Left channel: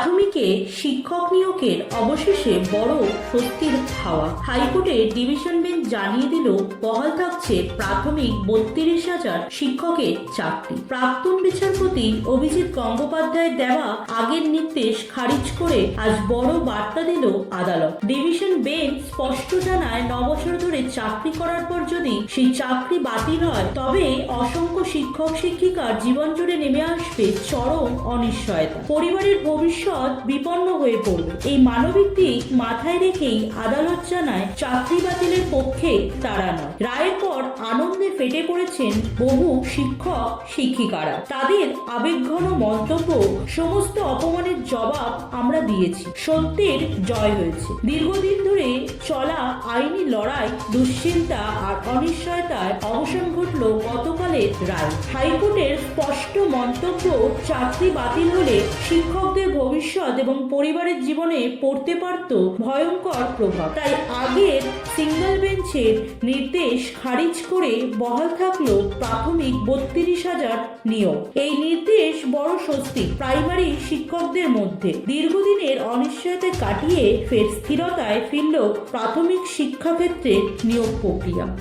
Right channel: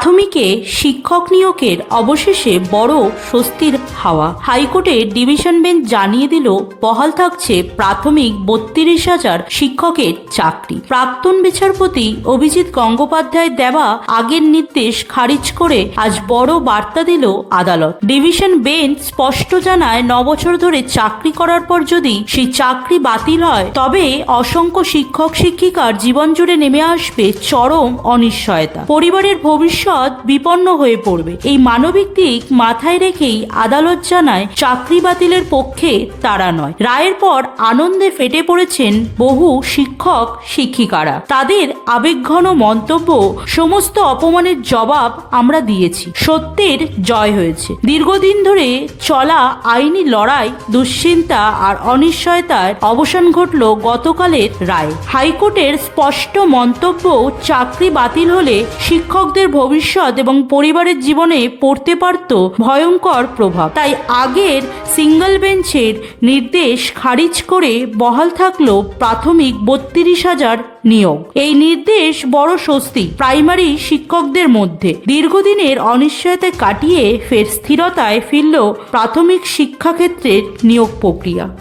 প্রাথমিকে শিক্ষক নিয়োগের অবশেষে বড় স্বস্তির হাওয়া। হাইকোর্টের ডিভিশন বেঞ্চ জানিয়ে দিল বহাল থাকছে প্রাথমিক 32,000 শিক্ষকের চাকরি। প্রাক্তন বিচারপতি অভিজিৎ গঙ্গোপাধ্যায়ের দেওয়া আগের নির্দেশ খারিজ করে আজ বড় বার্তা দিল আদালত। ডিভিশন বেঞ্চ স্পষ্ট জানায় 9 বছর ধরে চাকরি করার পর যদি সেই চাকরি বাতিল হয় তবে অসংখ্য শিক্ষক শিক্ষিকার জীবন জুড়ে নেমে আসবে চরম অনিশ্চয়তা। পরিবারের ভবিষ্যৎ বিপন্ন হয়ে পড়বে। এই মানবিক দিক মাথায় রেখেই আদালত জানায় চাকরি বাতিলের পক্ষে তারা নয়। রায়ের পর আনন্দে ফেটে পড়েছেন বহু শিক্ষক শিক্ষিকারা। তাদের আবেগঘন মন্তব্য, সমস্ত অপমানের জবাব আমরা দিয়েছি, সত্যের জয় হয়েছে। দীর্ঘদিন ধরে চলা আইনি লড়াই, দুশ্চিন্তা আর অনিশ্চয়তার অবসান ঘটল গতকালের রায়। হাইকোর্টের স্পষ্ট মন্তব্য, চাকরি বাতিল হলে শিক্ষকদের ভবিষ্যৎ এবং পরিবারের জীবনে পড়তে পারত ভয়ঙ্কর প্রভাব। তাই আগের সিঙ্গল বেঞ্চের নির্দেশ খারিজ করে বহাল থাকলো প্রাথমিক 32,000 নিয়োগ। এই নির্দেশ বড় স্বস্তি প্রাইমারি শিক্ষকদের মধ্যে। দীর্ঘদিনের অনিশ্চয়তা কাটিয়ে ফের স্থিরতায় ফিরল প্রাথমিক শিক্ষাক্ষেত্রের নিয়োগ প্রক্রিয়া।